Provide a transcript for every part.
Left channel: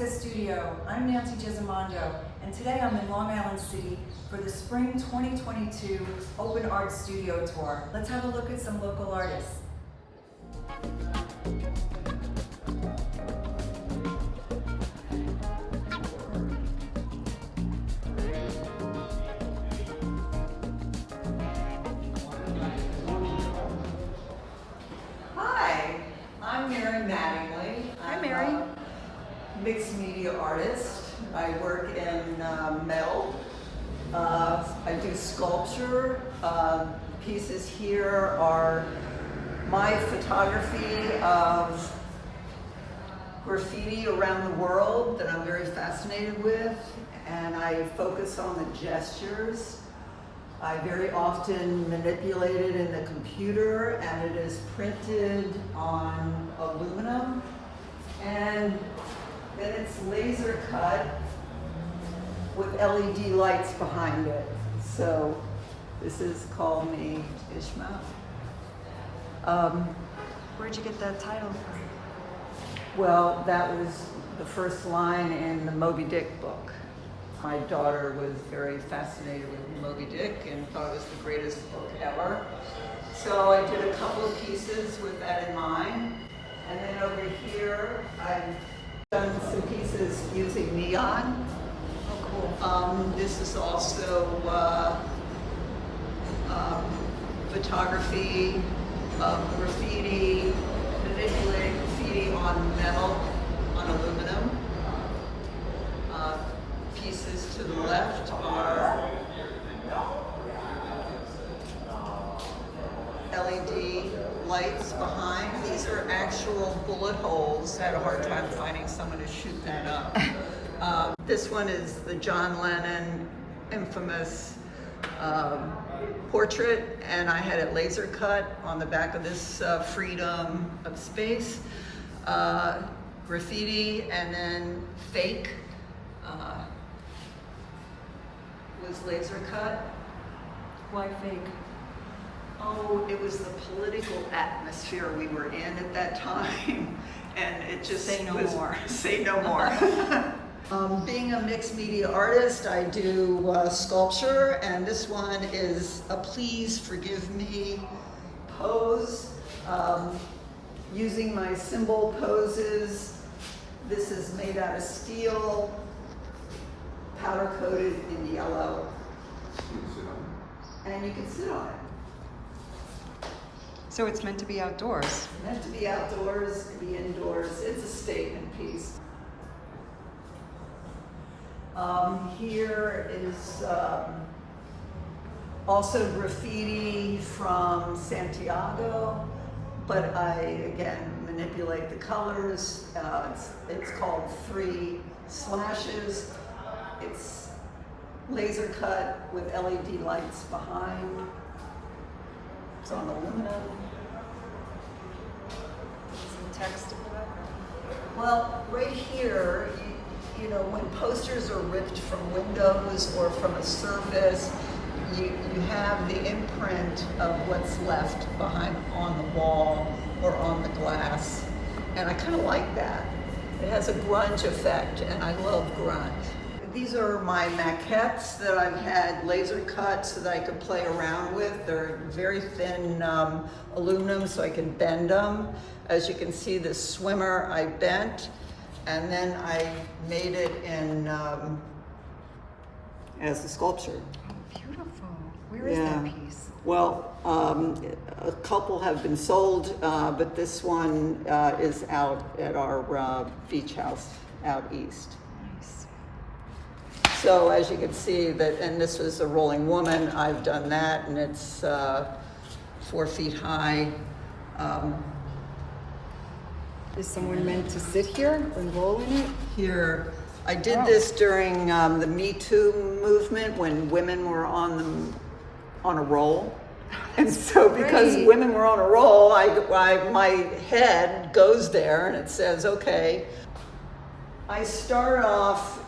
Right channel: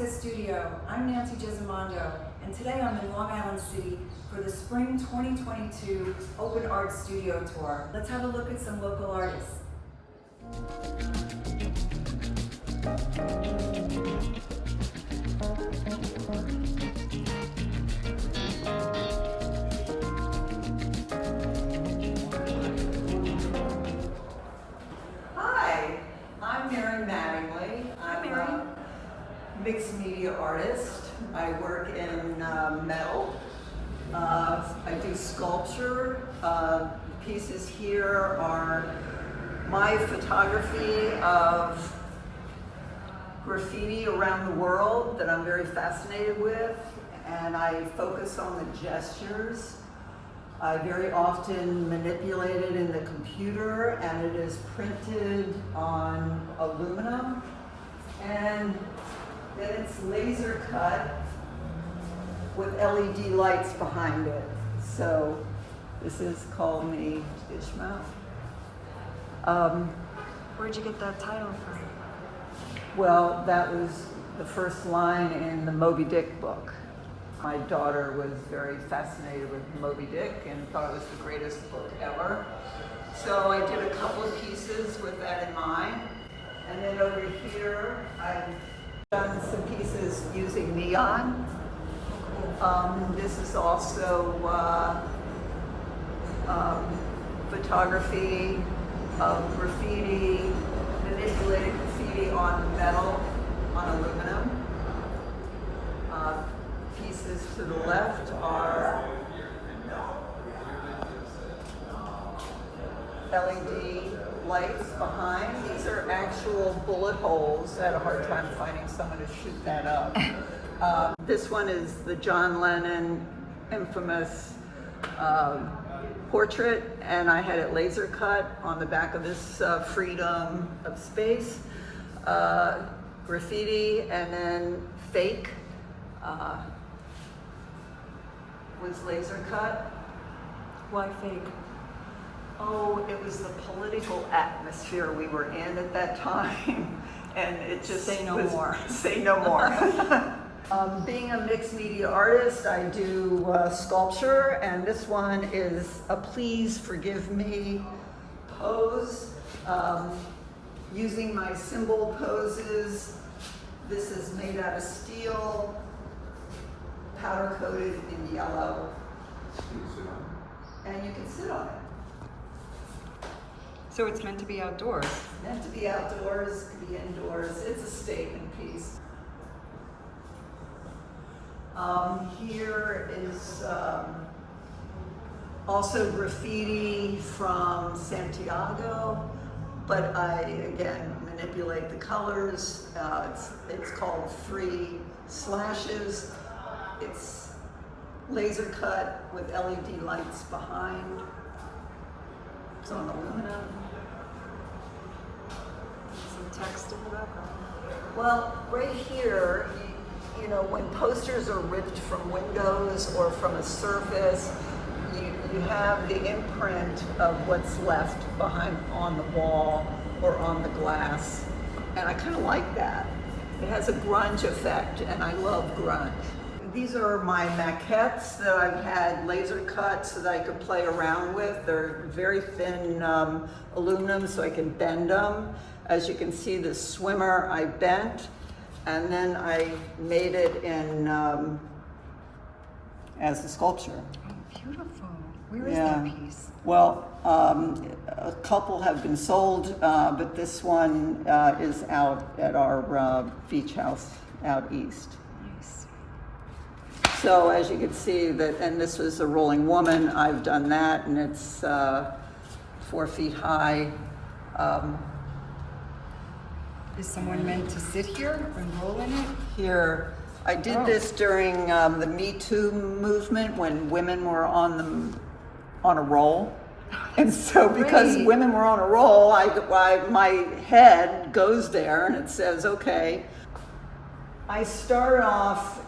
Access Studio. I'm Nancy Gesimondo, and today I'm in Long Island City for the Spring 2022 Open Art Studio Tour. Let's have a look at some local artists. Hi, I'm Mattingly. Hi, Mary. Mixed media artist. I work in metal. I do sculpture. Pieces here are my photography of graffiti around the world that I'm very fascinated with, and I focus on the gestures. I very often manipulate it in the computer, and it is printed on aluminum, and then it's laser cut with LED lights behind it. So this is Call Me Ishma. Where'd you get that title from? Well, that was the first line in the Moby Dick book. My daughter was very fascinated with Moby Dick and thought it was the greatest book ever. So I did a couple of pieces with that in mind. And then over here, I've done some pieces using neon. This is also photography of graffiti, manipulating graffiti on metal, on aluminum. Pieces to the left are LED lights behind. These are actual bullet holes. I had a hard time finding someone to shoot that up. This one is the John Lennon infamous portrait, and I had it laser cut on the back of this Freedom of Space. Graffiti, and then fake was laser cut. Why fake? Oh, it was the political atmosphere we were in at that time, and it just Say no more. Say no more. Being a mixed media artist, I do sculpture, and this one is a Please Forgive Me pose. Using my symbol poses. This is made out of steel, powder coated in yellow. And you can sit on it. So it's meant to be outdoors. Meant to be outdoors, to be indoors. It's a statement piece. Here is also graffiti from Santiago, but I, again, manipulate the colors. It's called Free Slashes. It's laser cut with LED lights behind. It's on aluminum. Some text in the background. Well, right here, you know, when posters are ripped from windows or from a surface, you have the imprint of what's left behind on the wall or on the glass. And I kind of like that. It has a grunge effect, and I love grunge. These are my maquettes that I've had laser cut so that I could play around with. They're very thin aluminum, so I can bend them. As you can see, this swimmer I bent, and then I made it in as a sculpture. Oh, beautiful. Where is that piece? Well, a couple have been sold, but this one is out at our beach house out east. Nice. So as you can see, that, and this was a rolling woman. I've done that, and it's 4 feet high. Is someone meant to sit here and roll in it? Here, I did this during the Me Too movement when women were on a roll. And so because women were on a roll, my head goes there and it says, okay. I start off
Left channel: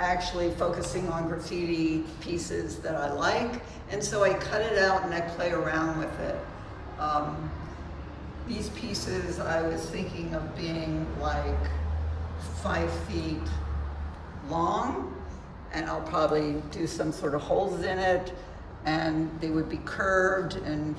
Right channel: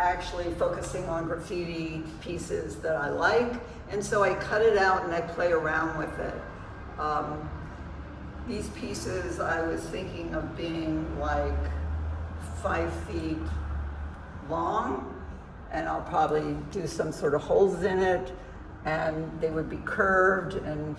actually focusing on graffiti pieces that I like, and so I cut it out and I play around with it. These pieces I was thinking of being like 5 feet long, and I'll probably do some sort of holes in it, and they would be curved and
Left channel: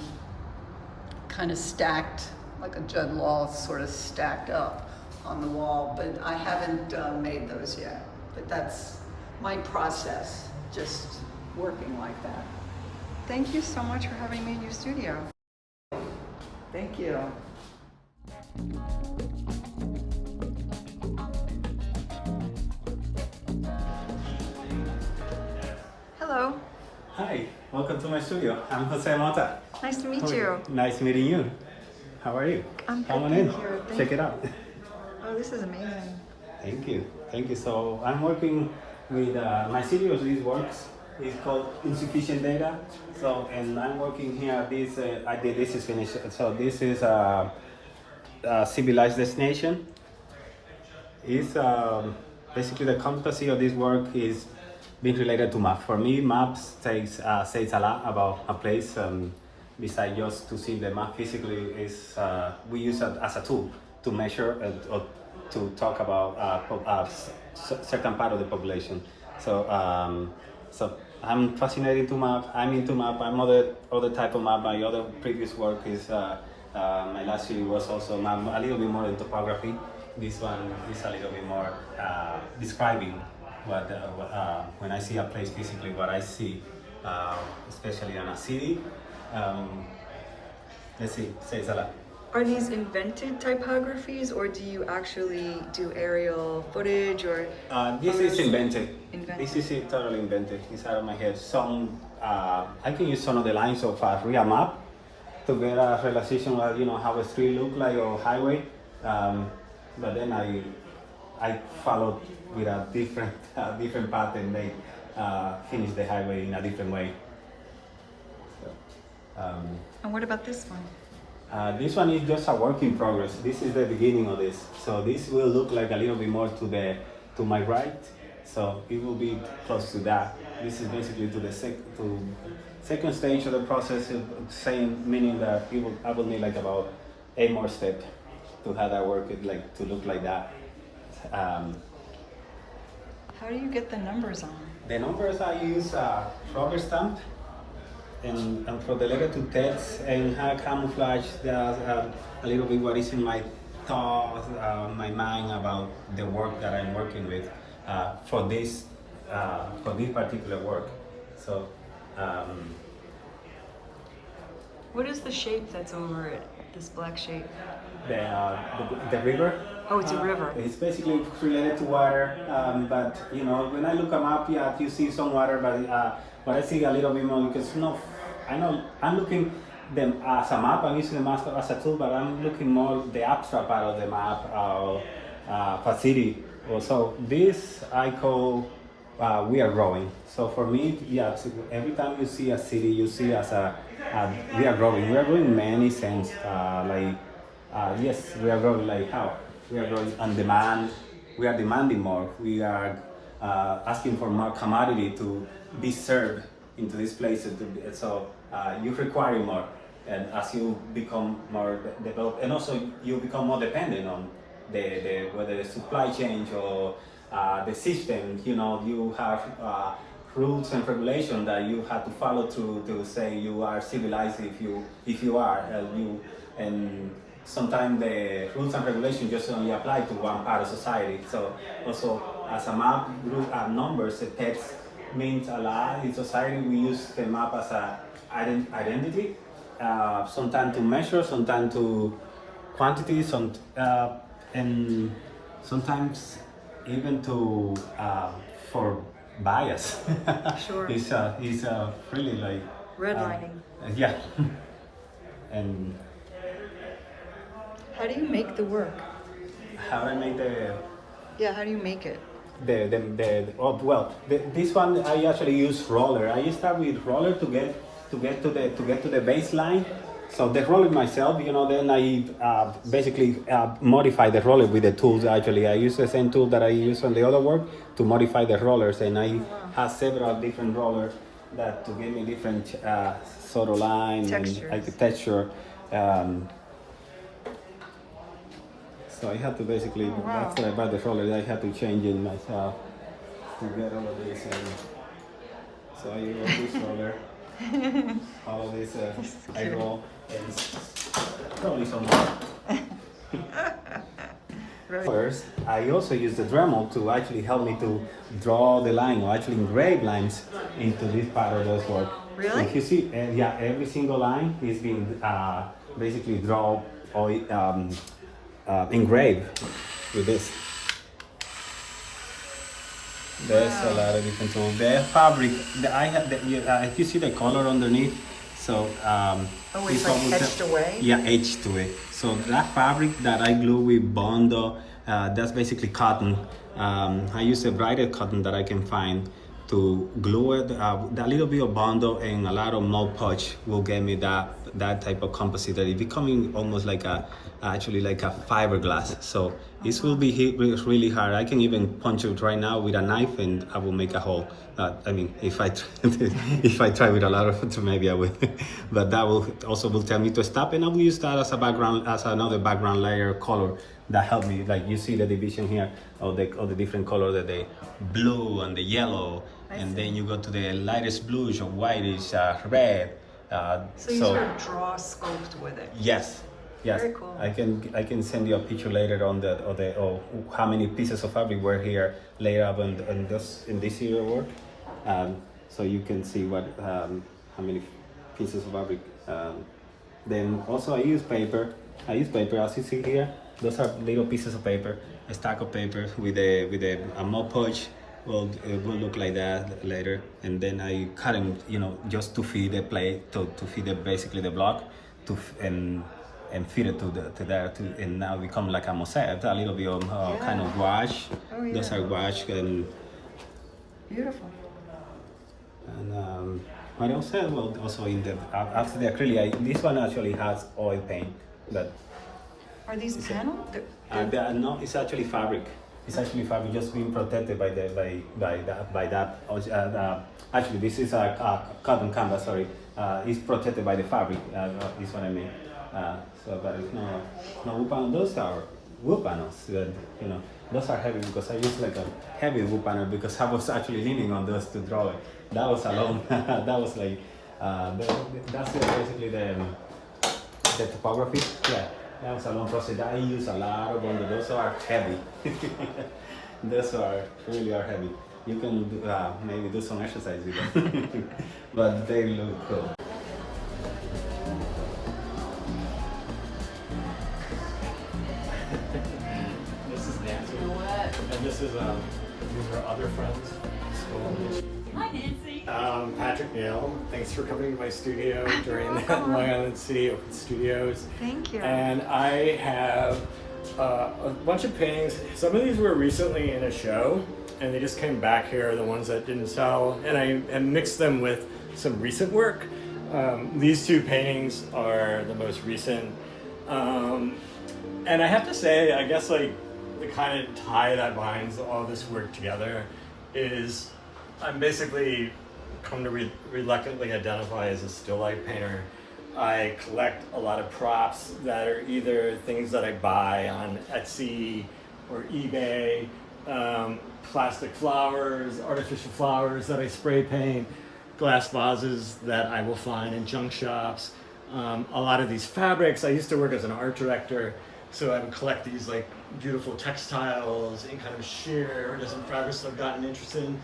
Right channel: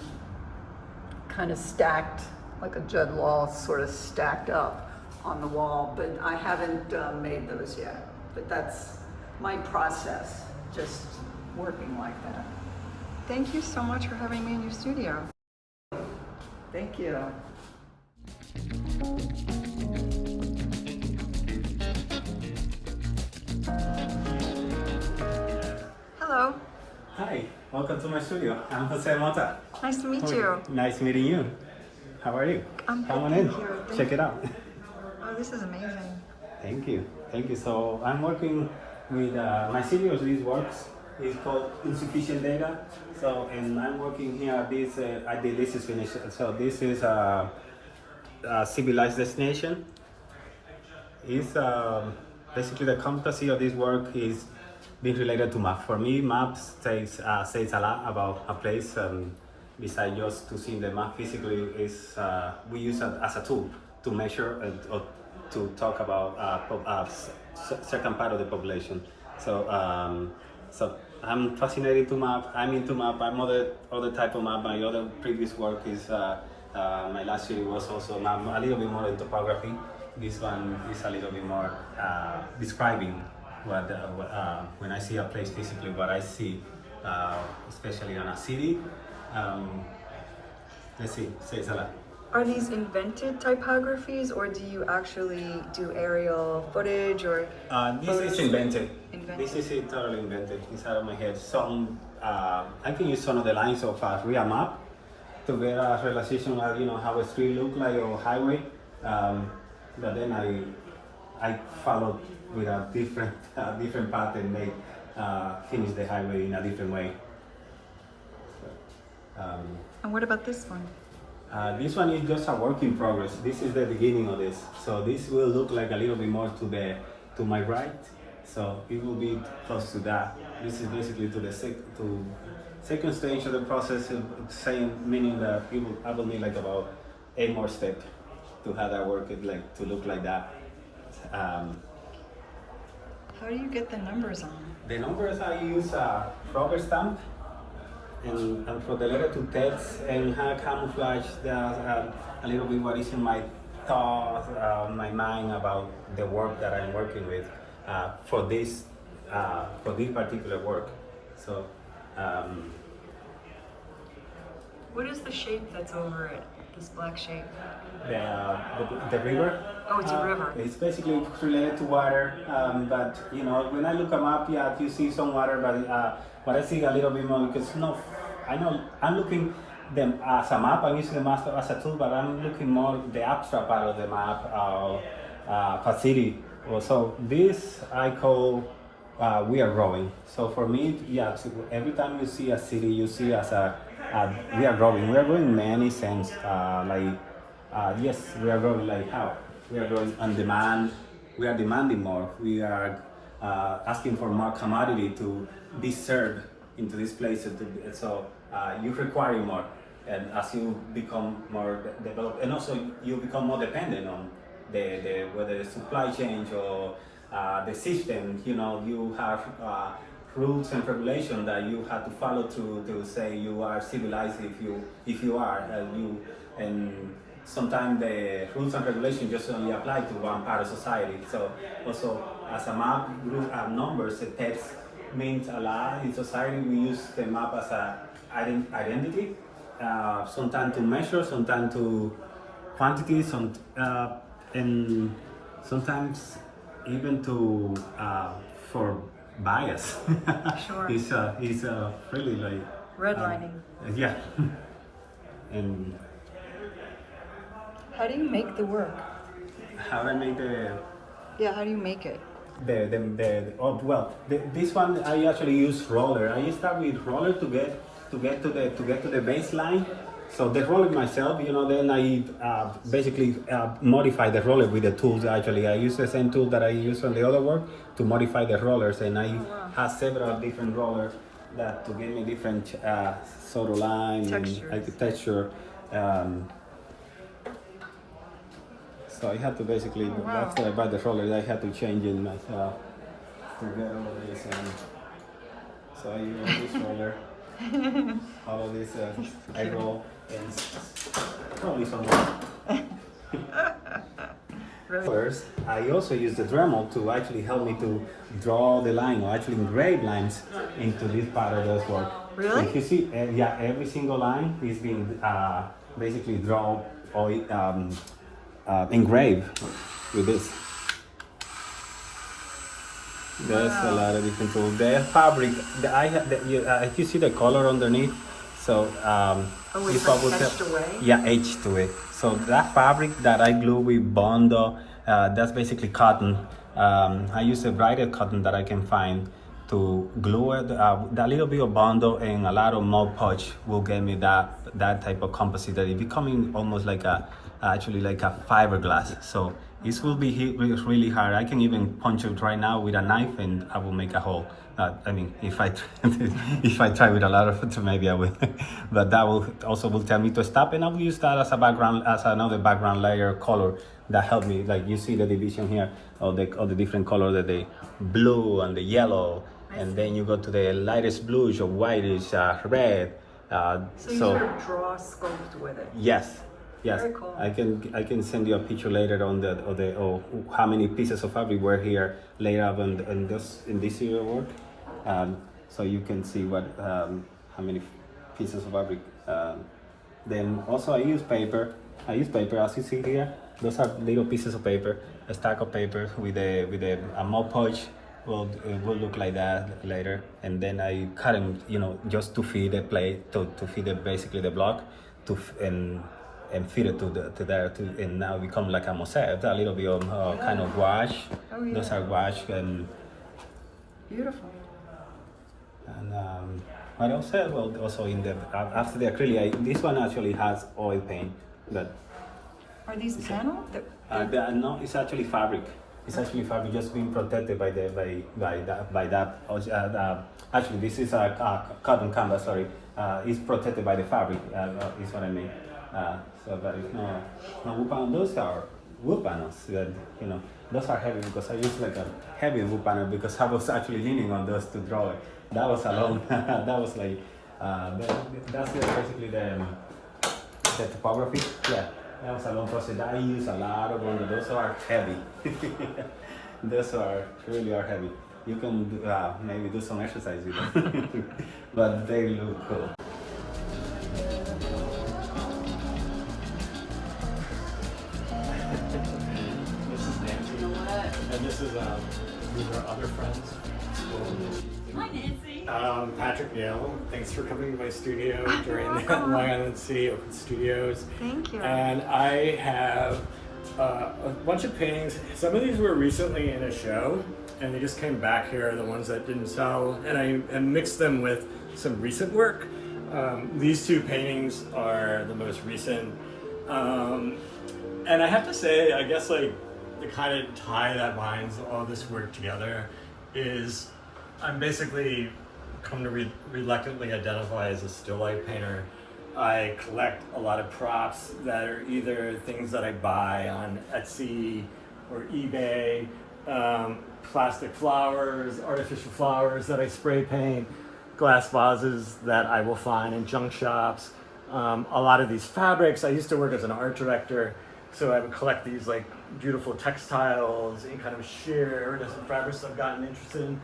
kind of stacked, like a jug wall, sort of stacked up on the wall, but I haven't made those yet. But that's my process, just working like that. Thank you so much for having me in your studio. Thank you. Hello. Hi, welcome to my studio. I'm Jose Mota. Nice to meet you. Nice meeting you. How are you? I'm Come on good, in. thank you. Thank Check you. it out. Oh, this is amazing. Thank you. Thank you. So I'm working with my studio. This works. It's called Insufficient Data. So, and I'm working here. This this is finished. So this is a civilized destination. Is basically the competency of this work is being related to map. For me, maps says a lot about a place. Besides just to see the map physically, is we use it as a tool to measure or to talk about certain part of the population. So so I'm fascinated to map. I'm into map. I'm other type of map. My other previous work is my last year was also a little bit more in topography. This one is a little bit more describing what when I see a place physically, what I see, especially in a city. Let's see, says a lot. Are these invented typographies, or do you actually do aerial footage or? This photos? is invented. Invented. This is totally invented. It's out of my head. Some I can use some of the lines of a real map to get a realization of how a street look like or highway. But then I followed with a different path and they finish the highway in a different way. So, And what about this one? this one is just a work in progress. This is the beginning of this. So this will look like a little bit more to my right. So it will be close to that. This is basically to the second stage of the process, meaning that I will need like about 8 more steps to have that work to look like that. How do you get the numbers on? The numbers I use a rubber stamp and for the letter to text and camouflage a little bit what is in my thoughts, my mind about the work that I'm working with for this particular work. So. What is the shape that's over it? This black shape? The river. Oh, it's a river. It's basically related to water, but when I look at map, yeah, you see some water, but I see a little bit more because I know I'm looking them as a map. I'm using the map as a tool, but I'm looking more the abstract part of the map, a city. So this I call we are growing. So for me, yeah, so every time you see a city, you see as we are growing. We are growing in many sense. Yes, we are growing like how? We are growing on demand. We are demanding more. We are asking for more commodity to be served into this place. So you require more, and as you become more developed, and also you become more dependent on whether the supply chain or the system. You have rules and regulations that you have to follow to say you are civilized if you are and sometimes the rules and regulations just only apply to one part of society. So also as a map group numbers, the text means a lot in society. We use the map as a identity, sometimes to measure, sometimes to quantities, and sometimes even to for bias. Sure. He's really like Redlining. yeah. And How do you make the work? how I make Yeah, how do you make it? this one I actually use roller. I start with roller to get to the baseline. So the roller myself, then I basically modify the roller with the tools. Actually, I use the same tool that I use on the other work to modify the rollers, and I have several different rollers that to give me different sort of line Textures. and architecture. So I had to basically, Oh, wow. after I bought the roller, I had to change it myself to get all of this. And so I use this roller, all of this I roll, and probably some more. First, I also use the Dremel to actually help me to draw the line or actually engrave lines into this part of this work. Really? If you see, yeah, every single line is being basically drawn or engraved with this. There's a lot of different tools. The fabric, if you see the color underneath, so it's like etched away? Yeah, etched to it. So that fabric that I glue with Bondo, that's basically cotton. I use a brighter cotton that I can find to glue it. That little bit of Bondo and a lot of Mod Podge will give me that type of composite that is becoming almost like actually like a fiberglass. So this will be really hard. I can even punch it right now with a knife and I will make a hole. I mean, if I try with a lot of it, maybe I will. But that will tell me to stop, and I will use that as a background, as another background layer color that help me. Like you see the division here of the different colors, the blue and the yellow, and then you go to the lightest bluish or whitish red. So you sort of draw sculpt with it. Yes. Yes. Very cool. I can send you a picture later on how many pieces of fabric were here later up in this year work, so you can see what how many pieces of fabric. Then also I use paper. As you see here. Those are little pieces of paper, a stack of paper with a Mod Podge. Well, it will look like that later, and then I cut them, just to feed the plate, to feed basically the block, and feed it to there, and now become like a mosaic, a little bit of kind of gouache. Oh, yeah. Those are gouache and beautiful. And what else? Well, also in the after the acrylic, this one actually has oil paint. But Are these panel? no, it's actually fabric. It's actually fabric, just being protected by that. Actually, this is a cotton canvas. Sorry, it's protected by the fabric. Is what I mean. But it's no wood panel. Those are wood panels. Those are heavy because I use like a heavy wood panel because I was actually leaning on those to draw it. That was alone. That was like that's basically the topography. Yeah, that was a long process. I use a lot of them. Those are heavy. Those really are heavy. You can maybe do some exercise with them, but they look cool. This is Nancy, and these are other friends. Hi, Nancy. Patrick Neal, thanks for coming to my studio during the Long Island City Open Studios. Thank you. And I have a bunch of paintings. Some of these were recently in a show, and they just came back here, the ones that didn't sell, and I mixed them with some recent work. These two paintings are the most recent. And I have to say, I guess like the kind of tie that binds all this work together is I'm basically come to reluctantly identify as a still life painter. I collect a lot of props that are either things that I buy on Etsy or eBay, plastic flowers, artificial flowers that I spray paint, glass vases that I will find in junk shops. A lot of these fabrics, I used to work as an art director, so I would collect these like beautiful textiles and kind of sheer different fabrics I've gotten interested in.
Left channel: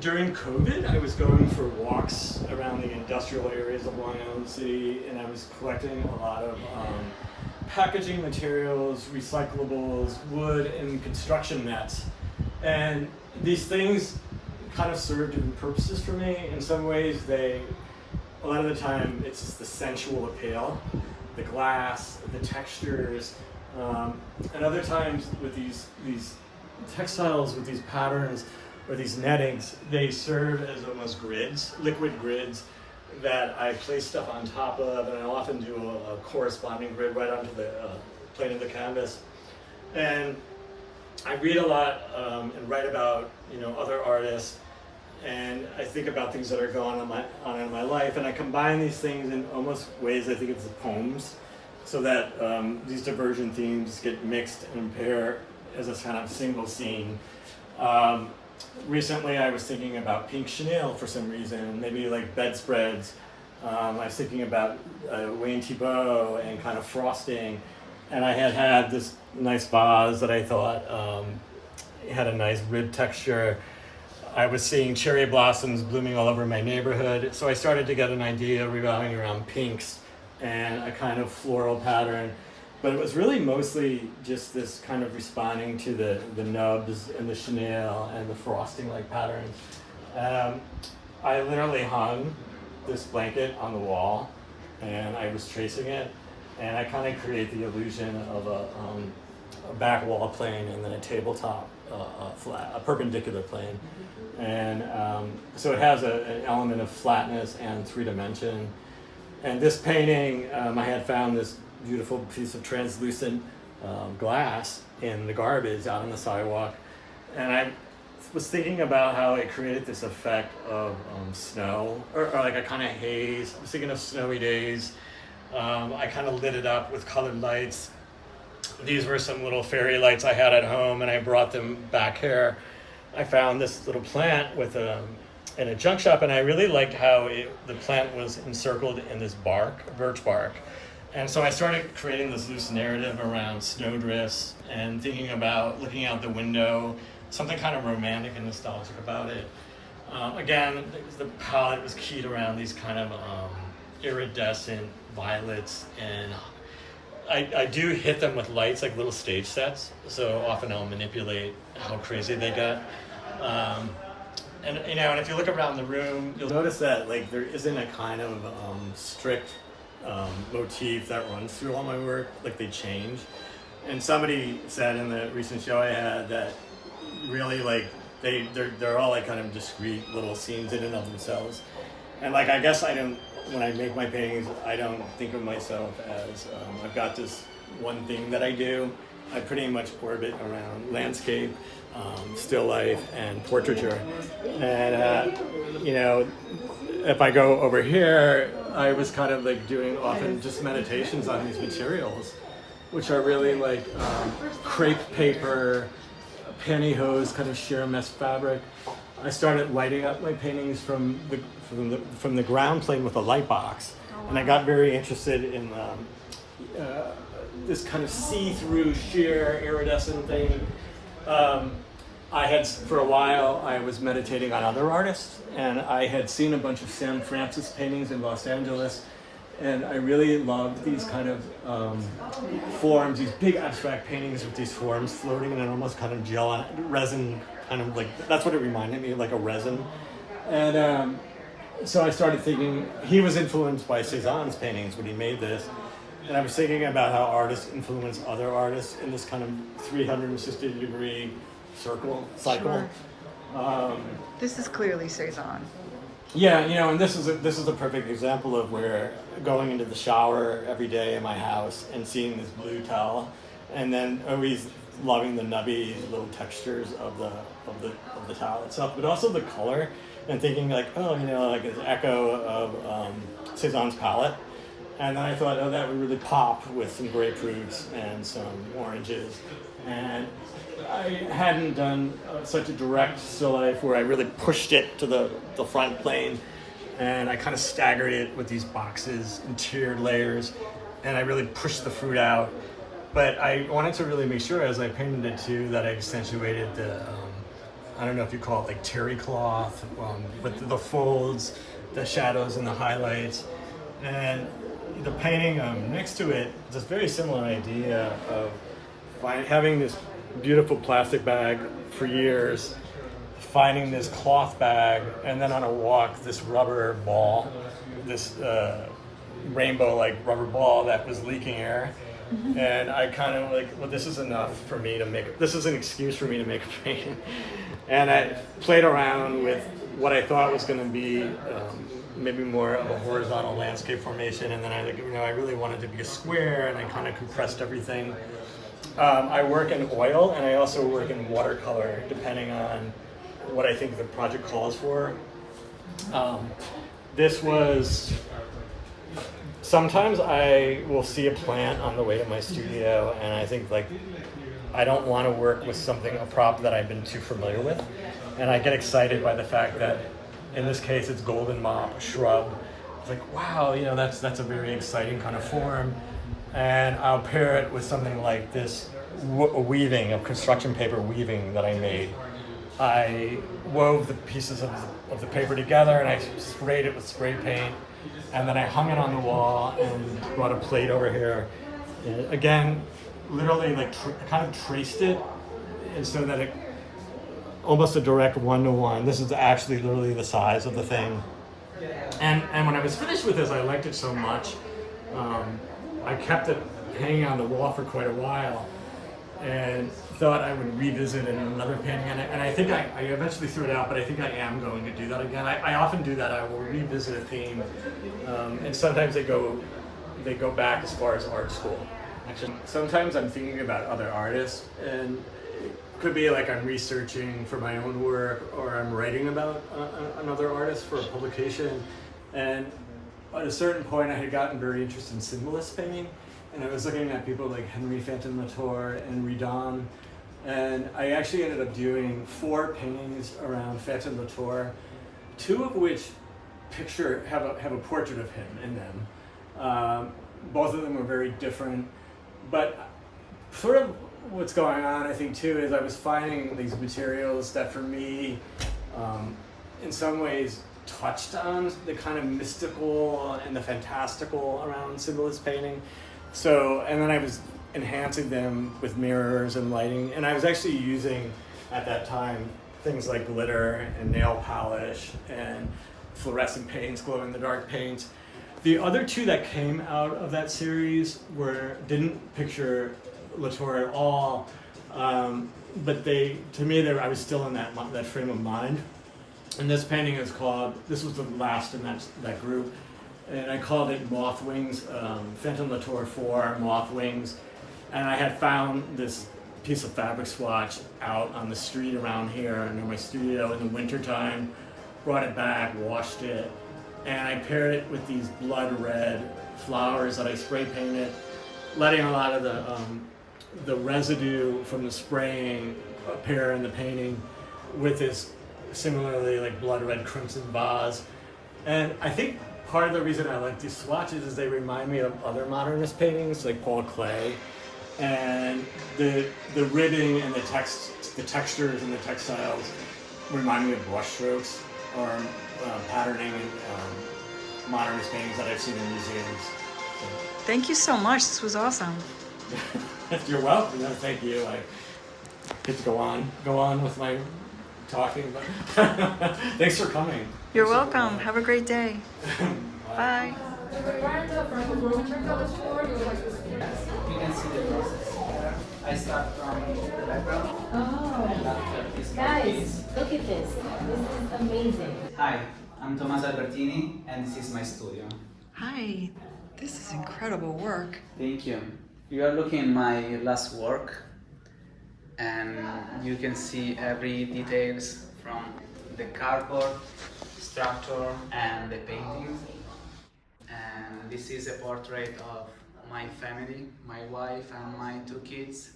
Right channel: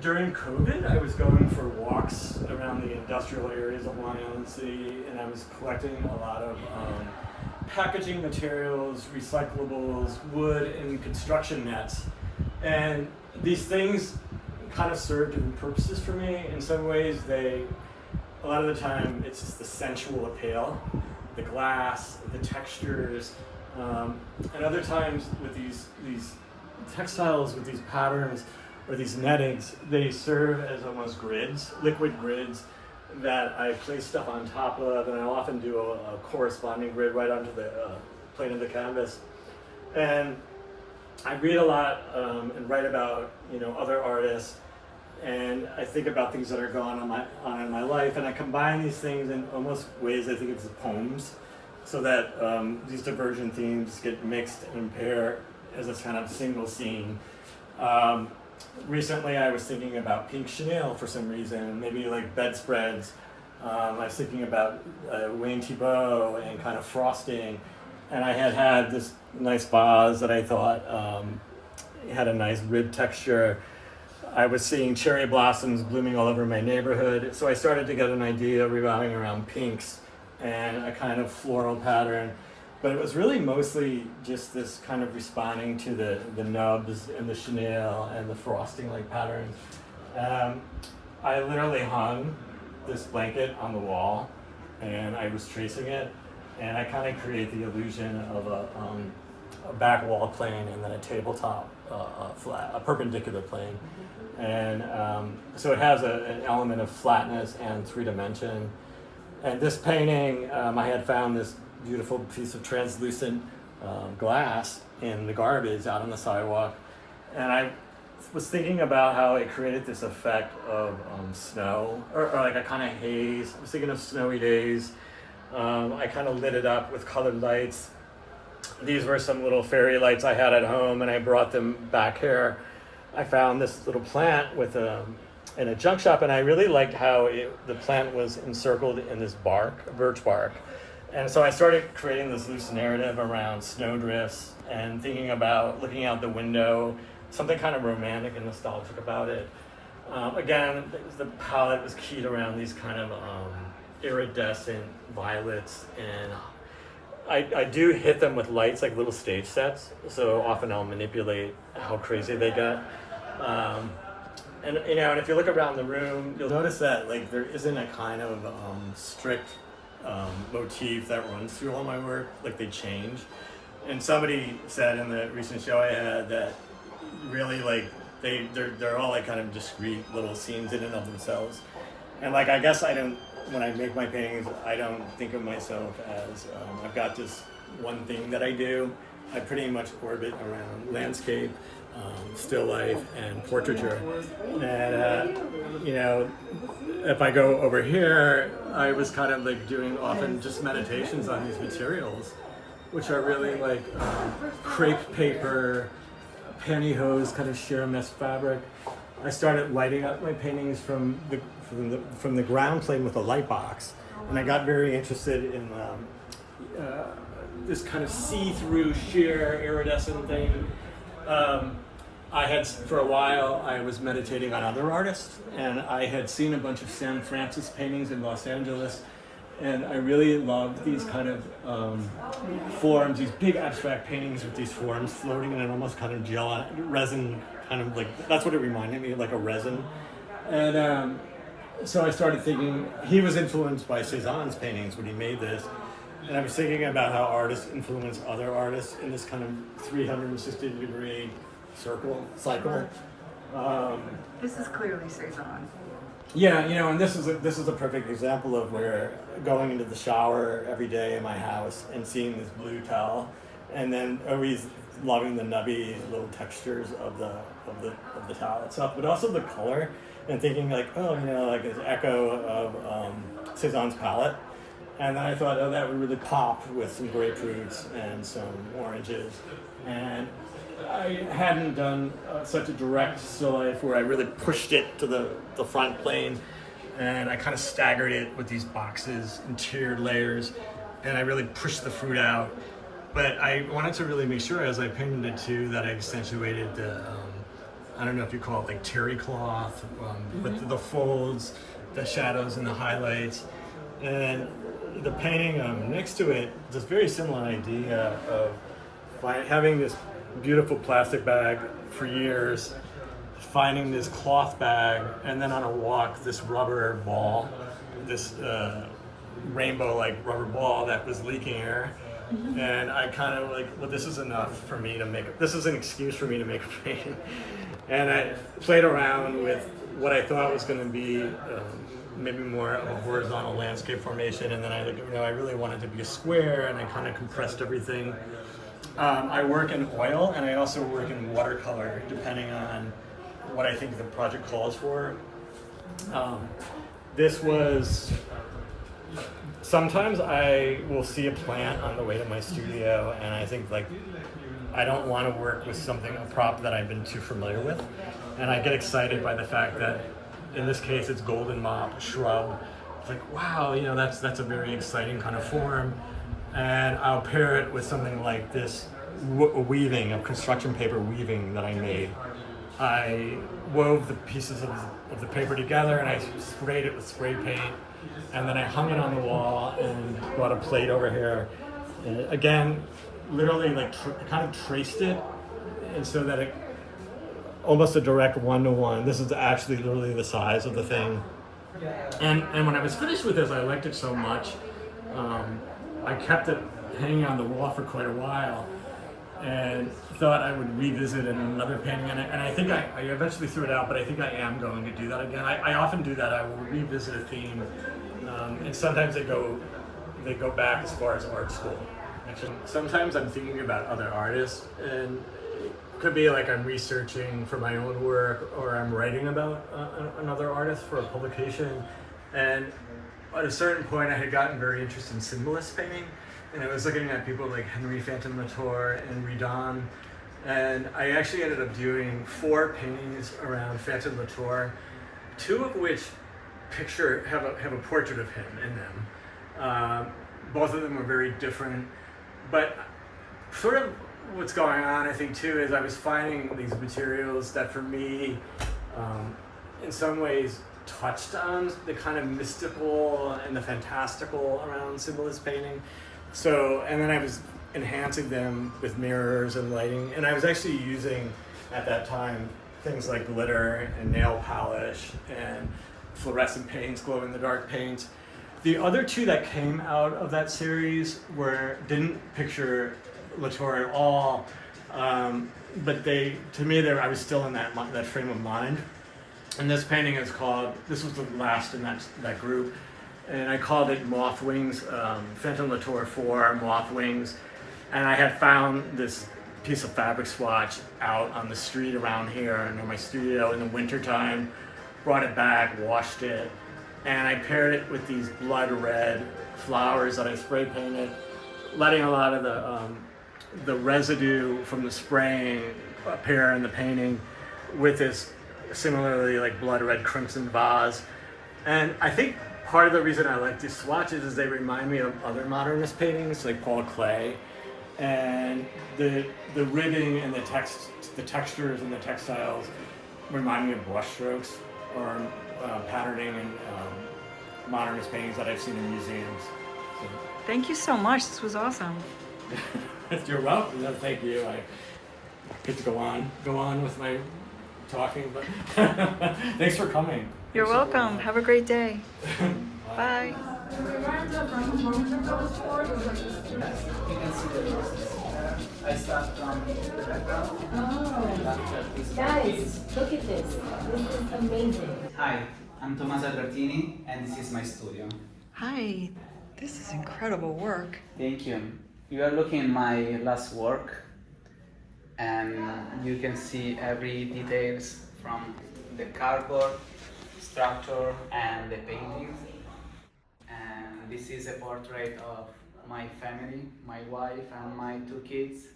During COVID, I was going for walks around the industrial areas of Long Island City, and I was collecting a lot of packaging materials, recyclables, wood, and construction nets. And these things kind of serve different purposes for me. In some ways, a lot of the time, it's just the sensual appeal, the glass, the textures, and other times with these textiles, with these patterns, or these nettings, they serve as almost grids, liquid grids, that I place stuff on top of, and I often do a corresponding grid right onto the plane of the canvas. And I read a lot and write about other artists, and I think about things that are going on in my life, and I combine these things in almost ways I think it's poems. so that these divergent themes get mixed and pair as a kind of single scene. Recently I was thinking about pink chenille for some reason, maybe like bedspreads. I was thinking about Wayne Thibault and kind of frosting, and I had this nice vase that I thought had a nice rib texture. I was seeing cherry blossoms blooming all over my neighborhood, so I started to get an idea revolving around pinks and a kind of floral pattern. But it was really mostly just this kind of responding to the nubs and the chenille and the frosting-like patterns. I literally hung this blanket on the wall, and I was tracing it, and I kind of create the illusion of a back wall plane and then a tabletop flat, a perpendicular plane. And so it has an element of flatness and 3 dimension. And this painting, I had found this beautiful piece of translucent glass in the garbage out on the sidewalk, and I was thinking about how it created this effect of snow, or like a kind of haze. I was thinking of snowy days. I kind of lit it up with colored lights. These were some little fairy lights I had at home, and I brought them back here. I found this little plant with in a junk shop, and I really liked how the plant was encircled in this bark, birch bark. And so I started creating this loose narrative around snowdrifts and thinking about looking out the window, something kind of romantic and nostalgic about it. Again, the palette was keyed around these kind of iridescent violets, and I do hit them with lights like little stage sets, so often I'll manipulate how crazy they get. And and if you look around the room, you'll notice that like there isn't a kind of strict motif that runs through all my work. Like they change. And somebody said in the recent show I had that really like they're all like kind of discrete little scenes in and of themselves. And like I guess when I make my paintings, I don't think of myself as I've got this one thing that I do. I pretty much orbit around landscape, still life, and portraiture. And if I go over here, I was kind of like doing often just meditations on these materials, which are really like crepe paper, pantyhose, kind of sheer mesh fabric. I started lighting up my paintings from the ground plane with a light box, and I got very interested in this kind of see-through sheer iridescent thing. For a while, I was meditating on other artists, and I had seen a bunch of Sam Francis paintings in Los Angeles, and I really loved these kind of forms, these big abstract paintings with these forms floating in an almost kind of gel resin, kind of like, that's what it reminded me of, like a resin. And so I started thinking, he was influenced by Cézanne's paintings when he made this. And I was thinking about how artists influence other artists in this kind of 360-degree cycle. Sure. This is clearly Cézanne. Yeah, and this is a perfect example of where going into the shower every day in my house and seeing this blue towel, and then always loving the nubby little textures of the towel itself, but also the color, and thinking like, like an echo of Cézanne's palette. And then I thought, that would really pop with some grapefruits and some oranges. And I hadn't done such a direct still life where I really pushed it to the front plane, and I kind of staggered it with these boxes and tiered layers, and I really pushed the fruit out. But I wanted to really make sure as I painted it too that I accentuated the, I don't know if you call it like terry cloth, with the folds, the shadows and the highlights. And the painting next to it is a very similar idea of having this beautiful plastic bag for years, finding this cloth bag, and then on a walk, this rubber ball, this rainbow-like rubber ball that was leaking air. Mm-hmm. And I kind of like, well, this is enough for me to make, this is an excuse for me to make a painting. And I played around with what I thought was going to be maybe more of a horizontal landscape formation, and then I really wanted to be a square, and I kind of compressed everything. I work in oil, and I also work in watercolor, depending on what I think the project calls for. This was sometimes I will see a plant on the way to my studio, and I think like I don't want to work with a prop that I've been too familiar with, and I get excited by the fact that in this case it's golden mop shrub. It's like, wow, that's a very exciting kind of form, and I'll pair it with something like this weaving of construction paper weaving that I made. I wove the pieces of the paper together, and I sprayed it with spray paint, and then I hung it on the wall and brought a plate over here. And again, literally like kind of traced it, and so that it almost a direct one-to-one. This is actually literally the size of the thing. And when I was finished with this, I liked it so much. I kept it hanging on the wall for quite a while, and thought I would revisit it in another painting, and I think I eventually threw it out, but I think I am going to do that again. I often do that. I will revisit a theme, and sometimes they go back as far as art school. Actually, sometimes I'm thinking about other artists, and it could be like I'm researching for my own work, or I'm writing about another artist for a publication, and at a certain point I had gotten very interested in symbolist painting, and I was looking at people like Henri Fantin-Latour and Redon, and I actually ended up doing 4 paintings around Fantin-Latour, 2 of which have a portrait of him in them. Both of them are very different, but sort of what's going on, I think, too, is I was finding these materials that for me, in some ways, touched on the kind of mystical and the fantastical around symbolist painting. So, and then I was enhancing them with mirrors and lighting, and I was actually using, at that time, things like glitter and nail polish and fluorescent paints, glow-in-the-dark paints. The other 2 that came out of that series didn't picture Latour at all, but to me, I was still in that frame of mind. And this painting this was the last in that group, and I called it Moth Wings, Fantin-Latour 4 Moth Wings. And I had found this piece of fabric swatch out on the street around here near my studio in the wintertime, brought it back, washed it, and I paired it with these blood red flowers that I spray painted, letting a lot of the residue from the spraying appear in the painting with this similarly like blood red crimson vase. And I think part of the reason I like these swatches is they remind me of other modernist paintings like Paul Klee, and the ribbing and the textures and the textiles remind me of brushstrokes or patterning and modernist paintings that I've seen in museums. So. Thank you so much. This was awesome. You're welcome. No, thank you. I get to go on with my talking, but thanks for coming. You're welcome. Have a great day. Bye. You can see the process. I start from the background. Guys, look at this. This is amazing. Hi, I'm Tomaso Albertini, and this is my studio. Hi. This is incredible work. Thank you. You are looking at my last work, and you can see every details from the cardboard, structure, and the painting. And this is a portrait of my family, my wife, and my 2 kids.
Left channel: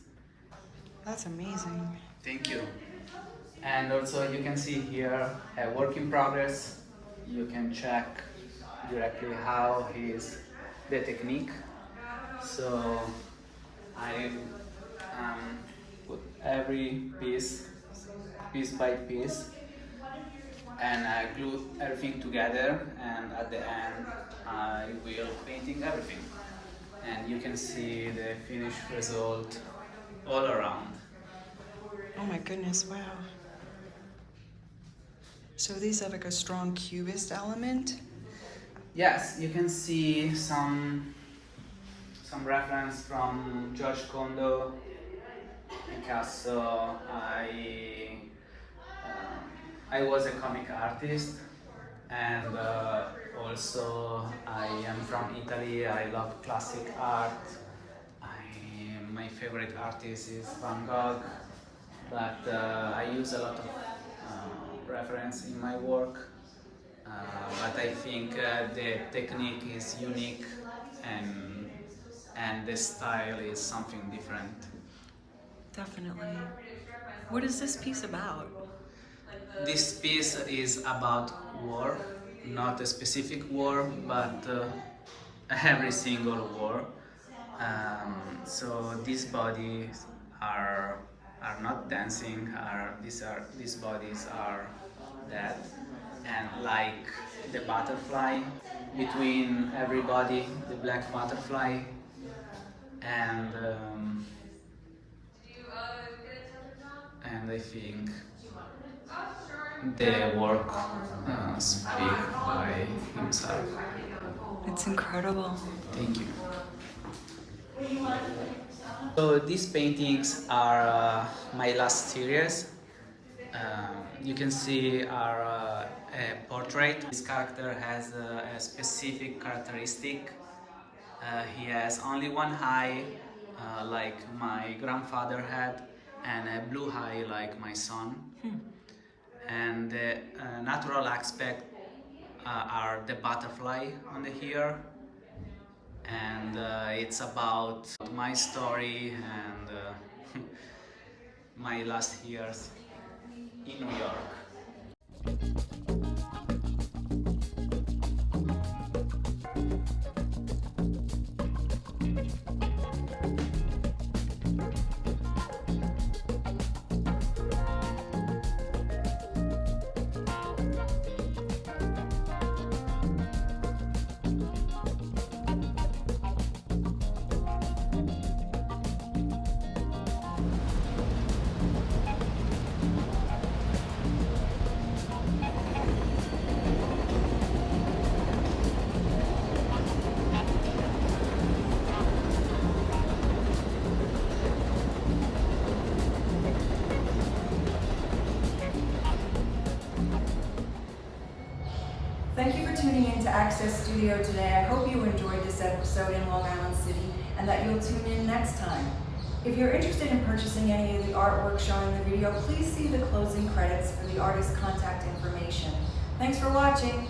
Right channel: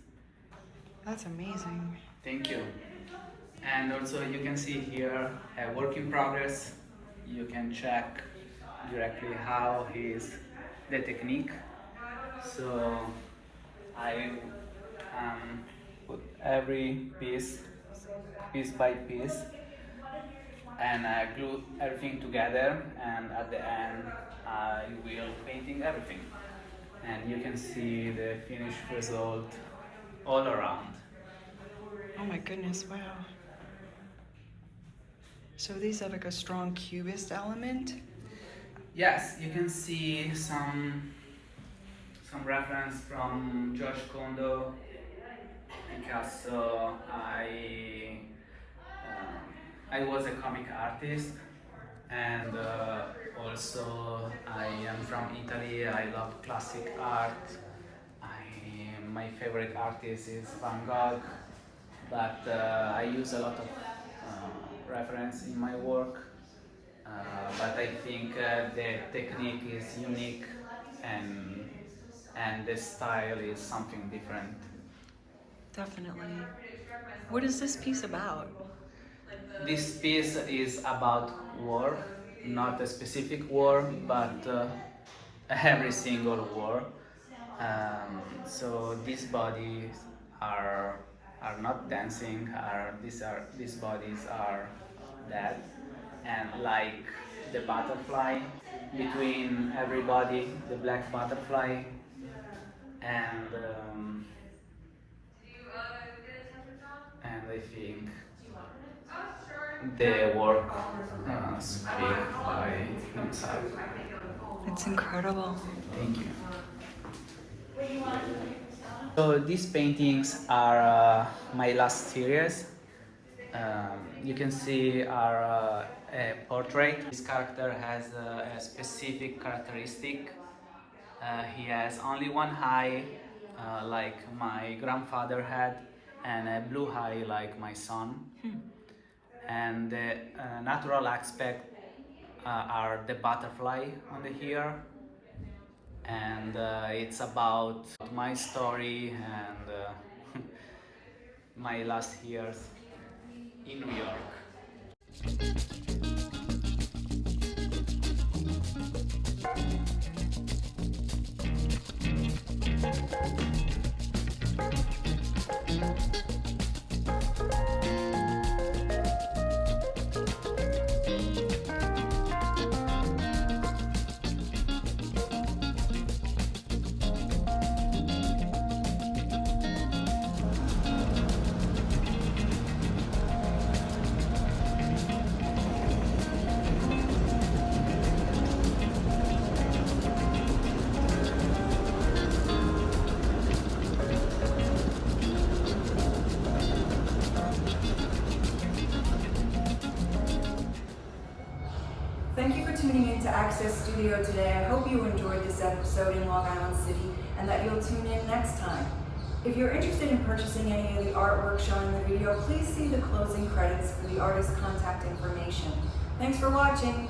That's amazing. Thank you. And also you can see here a work in progress. You can check directly how is the technique. So I put every piece by piece, and I glue everything together, and at the end I will painting everything. And you can see the finished result all around. Oh my goodness, wow. So these have like a strong cubist element? Yes, you can see some reference from George Condo, Picasso. I was a comic artist, and also I am from Italy. I love classic art. My favorite artist is Van Gogh, but I use a lot of reference in my work. but I think the technique is unique and the style is something different. Definitely. What is this piece about? This piece is about war, not a specific war, but every single war. So these bodies are not dancing. These bodies are dead, and like the butterfly between everybody, the black butterfly, and I think the work speak by himself. It's incredible. Thank you. So these paintings are my last series. You can see our a portrait. This character has a specific characteristic. He has only one eye, like my grandfather had, and a blue eye like my son. And the natural aspect are the butterfly on the ear, and it's about my story and my last years in New York. Thank you for tuning in to Access Studio today. I hope you enjoyed this episode in Long Island City and that you'll tune in next time. If you're interested in purchasing any of the artwork shown in the video, please see the closing credits for the artist's contact information. Thanks for watching.